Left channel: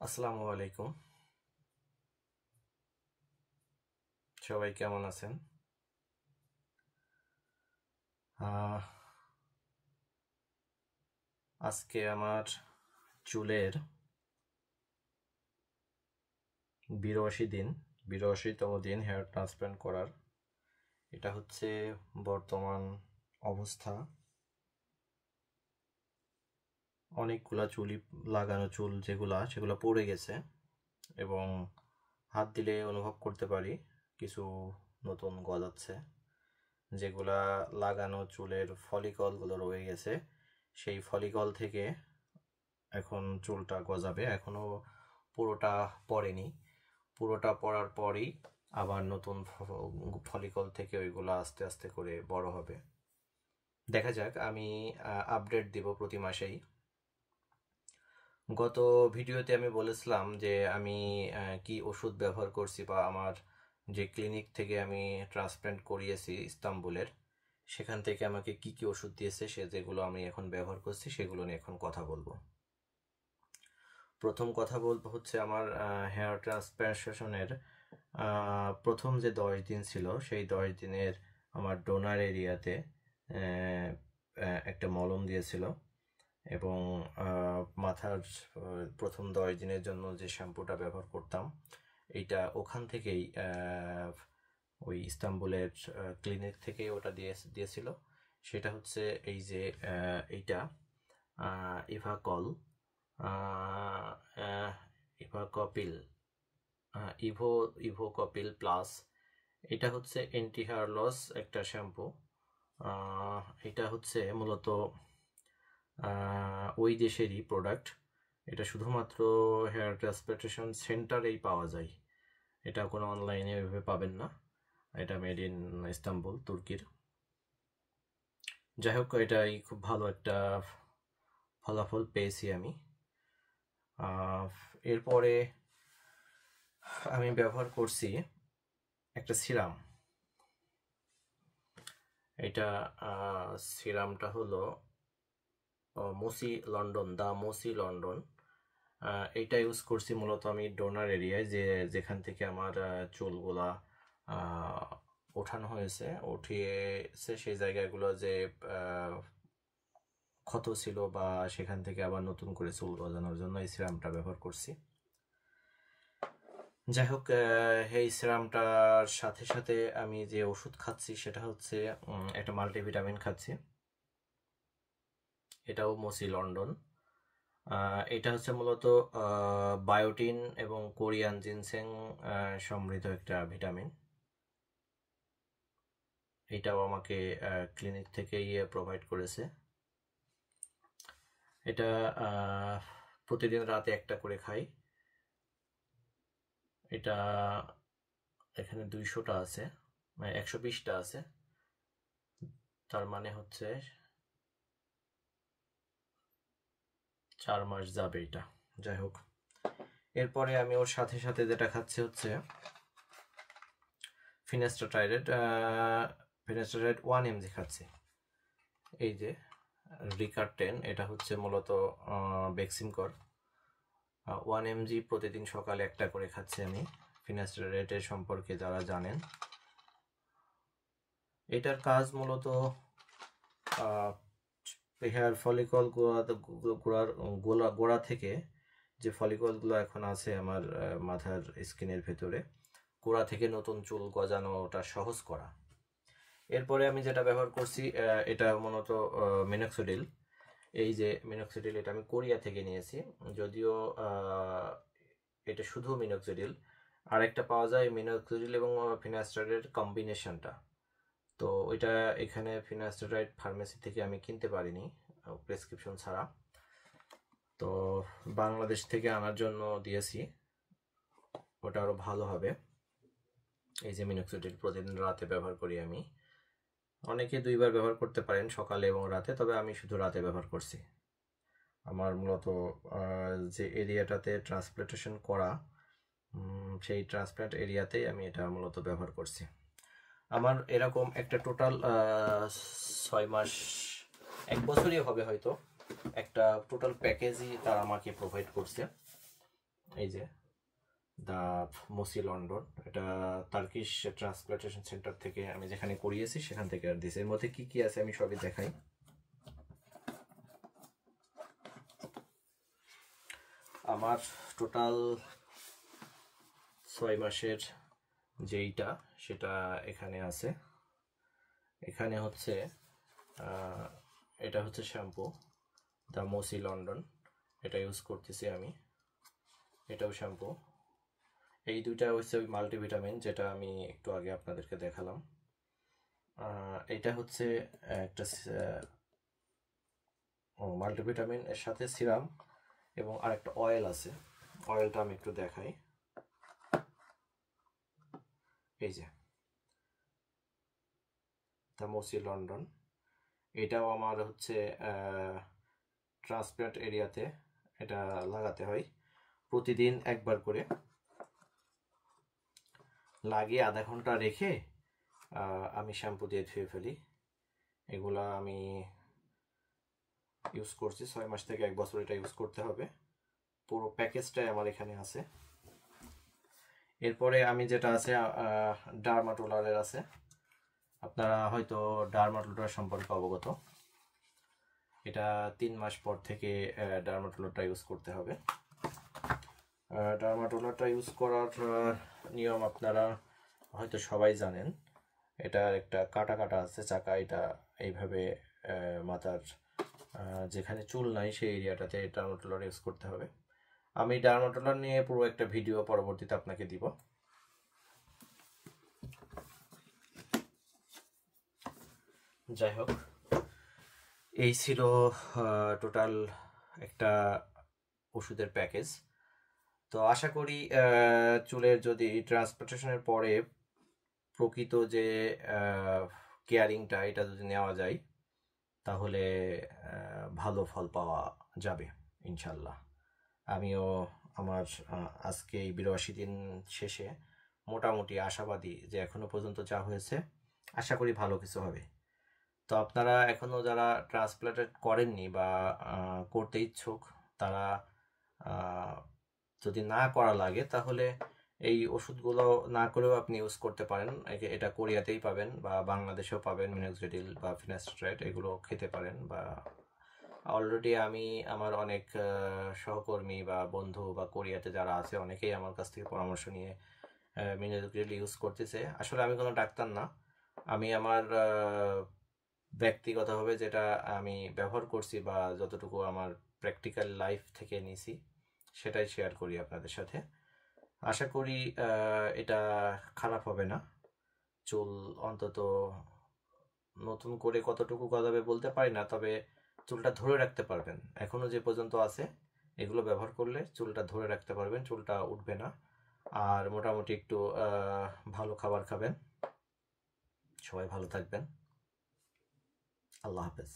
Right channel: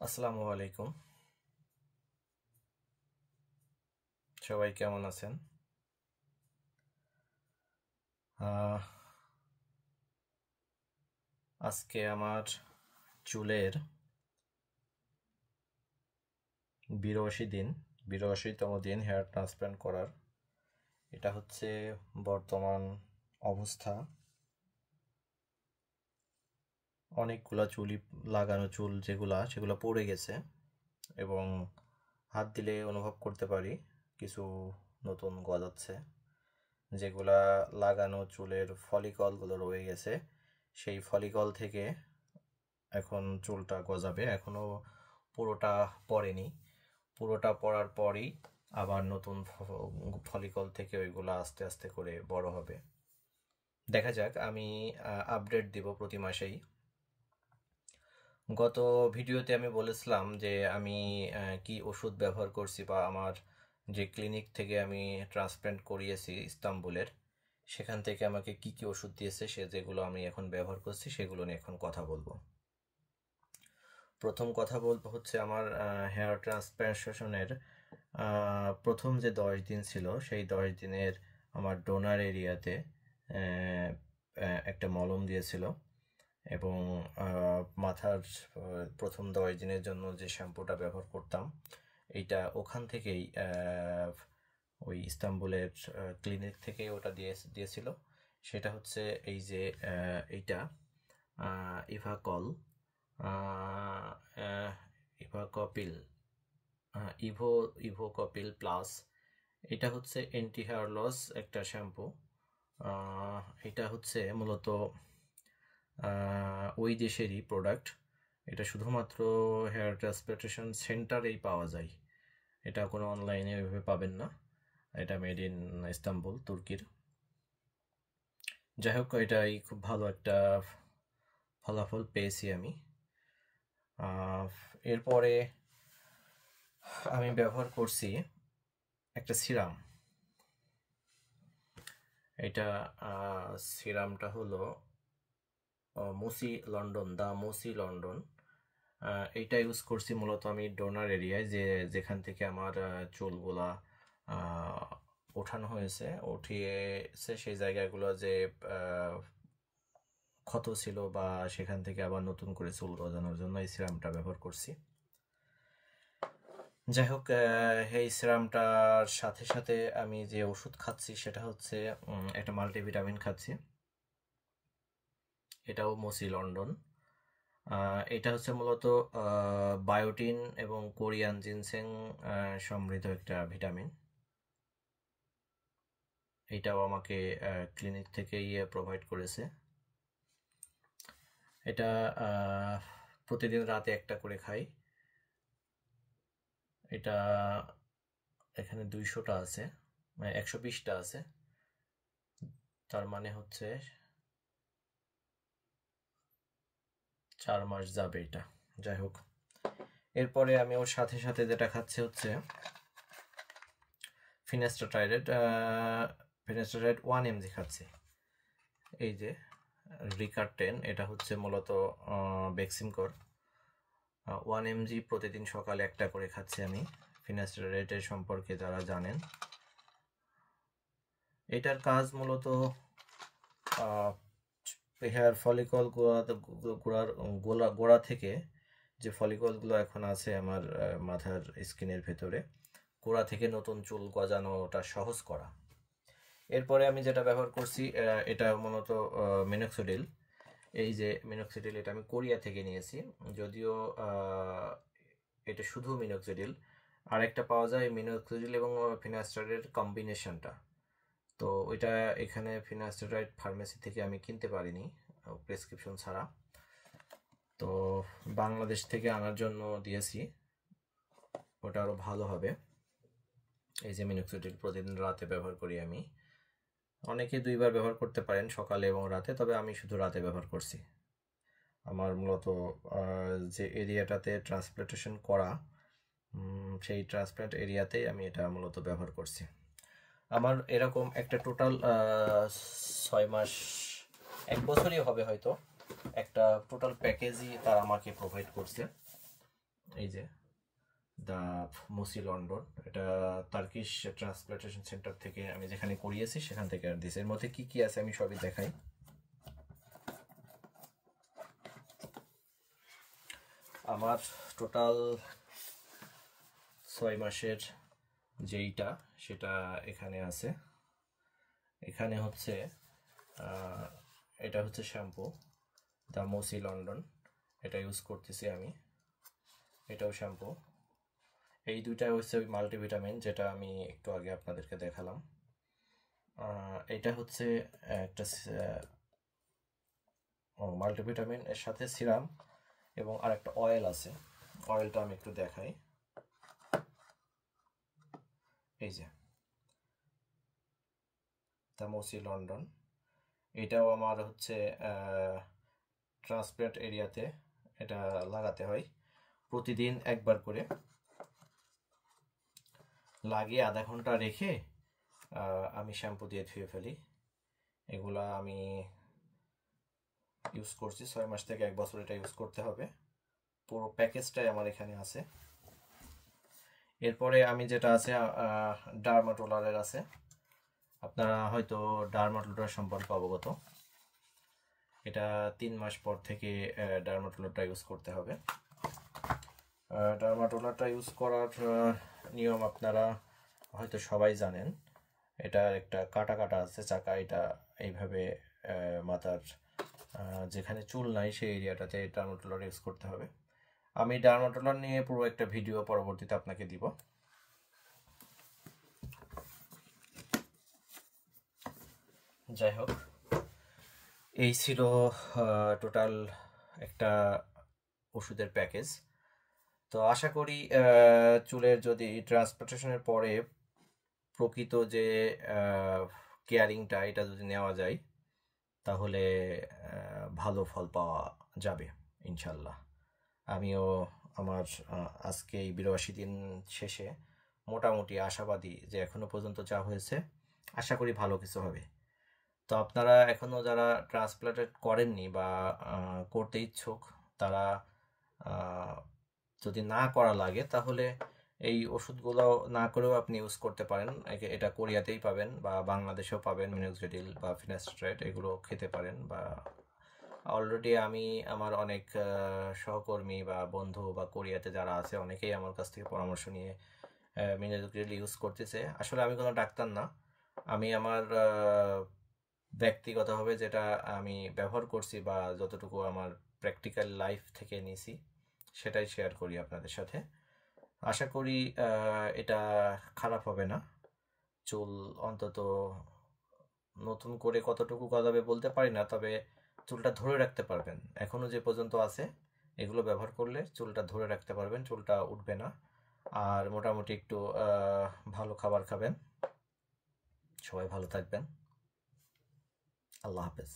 আসসালামু আলাইকুম। সবাই কেমন আছেন? আহ, আজকে আমার চুলের 82তম দিন হেয়ার ট্রান্সপ্লান্ট করার। এটা হচ্ছে বর্তমান অবস্থা। অনেকগুলা চুলই লাগানো চুল সেগুলো পড়ে গেছে এবং হাত দিলে অনুভব করতে পারি কিছু নতুন গজাচ্ছে। যেগুলা লাগানো চুলের ফলিকলগুলো রয়ে গেছে, সেই ফলিকল থেকে এখন চুলটা গজাবে। এখনো পুরোটা পড়েনি। পুরোটা পড়ার পরই আবার নতুন ফলিকল থেকে ওইগুলো আস্তে আস্তে করে বড় হবে। দেখা যাক, আমি আপডেট দিব প্রতি মাসেই। গত ভিডিওতে আমি বলেছিলাম যে আমি কি ওষুধ ব্যবহার করছি, বা আমার যে ক্লিনিক থেকে আমি ট্রান্সপ্লান্ট করিয়েছি ইস্তাম্বুলের, সেখান থেকে আমাকে কি কি ওষুধ দিয়েছে, যেগুলো আমি এখন ব্যবহার করছি সেগুলো নিয়ে এখন কথা বলবো। প্রথম কথা বলবো হচ্ছে আমার হেয়ার ট্রান্সপ্লান্টেশনের প্রথম যে 10 দিন ছিল, সেই 10 দিনের আমার ডোনার এরিয়াতে একটা মলম দিয়েছিল, এবং মাথার প্রথম 10 দিনের জন্য যে শ্যাম্পুটা ব্যবহার করতাম, এইটা ওখান থেকেই ওই ইস্তাম্বুলের ক্লিনিক থেকে ওটা দিয়েছিল। সেটা হচ্ছে এই যে এইটা ইভাকল, ইভাকপিল, ইভো ইভোকপিল প্লাস। এটা হচ্ছে অ্যান্টি হেয়ার লস একটা শ্যাম্পু। এটা হচ্ছে মূলত ওই দেশেরই প্রোডাক্ট। এটা শুধুমাত্র হেয়ার ট্রান্সপ্লান্টেশন সেন্টারেই পাওয়া যায়, এটা কোনো অনলাইনে এভাবে পাবেন না। এটা মেড ইন ইস্তাম্বুল, তুর্কির। যাই হোক, এটাই খুব ভালো একটা ফলাফল পেয়েছি আমি। এরপরে আমি ব্যবহার করছি একটা সিরাম। এটা সিরামটা হলো মোসি লন্ডন, দা মোসি লন্ডন। এইটা ইউজ করছি মূলত আমি ডোনার এরিয়ায়, যেখান থেকে আমার চুলগুলা ওঠানো হয়েছে, উঠিয়েছে সেই জায়গাগুলো যে ক্ষত ছিল, বা সেখান থেকে আবার নতুন করে চুল গজানোর জন্য এই সিরামটা ব্যবহার করছি। যাই হোক, এই সিরামটার সাথে সাথে আমি যে ওষুধ খাচ্ছি সেটা হচ্ছে একটা মাল্টিভিটামিন খাচ্ছি। এটাও মোসি লন্ডন। এটা হচ্ছে মূলত বায়োটিন এবং কোরিয়ান জিনসেং সমৃদ্ধ একটা ভিটামিন। এটাও আমাকে ক্লিনিক থেকেই প্রোভাইড করেছে। এটা প্রতিদিন রাতে একটা করে খাই। এটা এখানে 200টা আছে, মানে 120টা আছে, তার মানে হচ্ছে 4 মাস যাবে এটা। যাই হোক, এরপরে আমি ওর সাথে সাথে যেটা খাচ্ছি হচ্ছে ফিনাস্টারাইড। 1 mg খাচ্ছি। এই যে রিকার 10, এটা হচ্ছে মূলত বেক্সিমকর। 1 mg প্রতিদিন সকালে একটা করে খাচ্ছি আমি। ফিনাস্টারাইডের সম্পর্কে যারা জানেন, এটার কাজ মূলত হেয়ার ফলিকল গোড়া থেকে যে ফলিকলগুলো এখন আছে আমার মাথার স্কিনের ভেতরে, গোড়া থেকে নতুন চুল গজানোটা সহজ করা। এরপরে আমি যেটা ব্যবহার করছি, এটা মূলত মিনক্সিডিল। এই যে মিনক্সিডিল, এটা আমি কোরিয়া থেকে নিয়েছি। যদিও এটা শুধু মিনক্সিডিল, আরেকটা পাওয়া যায় মিনক্সিডিল এবং ফিনাস্টারের কম্বিনেশনটা। তো ওইটা এখানে ফিনাস্টারাইড ফার্মেসি থেকে আমি কিনতে পারিনি প্রেসক্রিপশন ছাড়া, তো বাংলাদেশ থেকে আনার জন্য দিয়েছি। ওটা আরও ভালো হবে। এই যে মিনক্সিডিল প্রতিদিন রাতে ব্যবহার করি আমি। অনেকে 2বার ব্যবহার করতে পারেন, সকালে এবং রাতে, তবে আমি শুধু রাতে ব্যবহার করছি। আমার মূলত যে এরিয়াটাতে ট্রান্সপ্লান্টেশন করা, সেই ট্রান্সপ্লান্ট এরিয়াতেই আমি এটা মূলত ব্যবহার করছি। আমার এরকম একটা টোটাল 6 মাস, 1 বছরই হবে হয়তো, একটা টোটাল প্যাকেজই তারা আমাকে প্রোভাইড করছে। এই যে দ্য মোসি লন্ডন, এটা টার্কিশ ট্রান্সপ্লান্টেশন সেন্টার থেকে আমি যেখানে করিয়েছি সেখান থেকে আর দিয়েছি। এর মধ্যে কি কি আছে আমি সবই দেখাই। আমার টোটাল 6 মাসের যেইটা সেটা এখানে আছে। এখানে হচ্ছে এটা হচ্ছে শ্যাম্পু দ্য মোসি লন্ডন, এটা ইউজ করতেছি আমি। এটাও শ্যাম্পু। এই দুইটা হচ্ছে ওই মাল্টিভিটামিন যেটা আমি একটু আগে আপনাদেরকে দেখালাম। এটা হচ্ছে একটা মাল্টিভিটামিন, এর সাথে সিরাম এবং আরেকটা অয়েল আছে। অয়েলটা আমি একটু দেখাই। এই যে দ্য মোসি লন্ডন, এটাও আমার হচ্ছে ট্রান্সপ্লান্ট এরিয়াতে এটা লাগাতে হয় প্রতিদিন একবার করে, লাগিয়ে আধা ঘন্টা রেখে আমি শ্যাম্পু দিয়ে ধুয়ে ফেলি। এগুলা আমি ইউজ করছি 6 মাস থেকে 1 বছর, এটা ইউজ করতে হবে। পুরো প্যাকেজটাই আমার এখানে আছে। এরপরে আমি যেটা আছে ডার্মাটোলারের আছে। আপনারা হয়তো ডার্মাটোলার সম্পর্কে অবগত। এটা 3 মাস পর থেকে ডার্মাটোলারটা ইউজ করতে হবে। ডার্মাটোলারটা ইউজ করার নিয়ম আপনারা হয়তো সবাই জানেন। এটার একটা কাটা কাটা আছে চাকা, এটা এইভাবে মাথার যেখানে চুল নাই সেই এরিয়াটাতে ডার্মাটোলার ইউজ করতে হবে। আমি ডার্মাটোলার নিয়ে পুরো একটা ভিডিও পরবর্তীতে আপনাকে দিব। যাই হোক, এই ছিল টোটাল একটা ওষুধের প্যাকেজ। তো আশা করি চুলের যদি ট্রান্সপ্লান্টেশনের পরে প্রকৃত যে কেয়ারিংটা এটা যদি নেওয়া যায় তাহলে ভালো ফল পাওয়া যাবে ইনশাল্লাহ। আমিও আমার আজকে এই 82 দিন শেষে মোটামুটি আশাবাদী যে এখনো পর্যন্ত যা হয়েছে আশা করি ভালো কিছু হবে। তো আপনারা এখনও যারা ট্রান্সপ্লান্টেড করেননি বা করতে ইচ্ছুক, তারা যদি না করা লাগে তাহলে এই ওষুধগুলো না করেও আপনি ইউজ করতে পারেন। এটা কোরিয়াতেই পাবেন বা বাংলাদেশেও পাবেন, মিনোক্সিডিল বা ফিনাস্ট্রেট, এগুলো খেতে পারেন। বা অলরেডি আমি আমার অনেক সহকর্মী বা বন্ধু বা কোরিয়াতে যারা আছে অনেকেই আমার কাছ থেকে পরামর্শ নিয়ে মিনোক্সিডিল ইউজ করতেছে। আসলে আমি কোনো ডাক্তার না, আমি আমার ব্যক্তিগতভাবে যেটা আমি ব্যবহার করছি বা যতটুকু আমার প্র্যাকটিক্যাল লাইফ থেকে নিয়েছি সেটাই শেয়ার করি আপনাদের সাথে। আশা করি এটা খারাপ হবে না। চুল অন্তত নতুন করে কতটুকু গজাবে বলতে পারি না, তবে চুলটা ধরে রাখতে পারবেন। এখনো যে পর্যন্ত আছে এগুলো ব্যবহার করলে চুলটা ধরে রাখতে পারবেন, চুলটা উঠবে না। আর মোটামুটি একটু ভালো খাবার খাবেন। সবাই ভালো থাকবেন। আল্লাহ হাফেজ।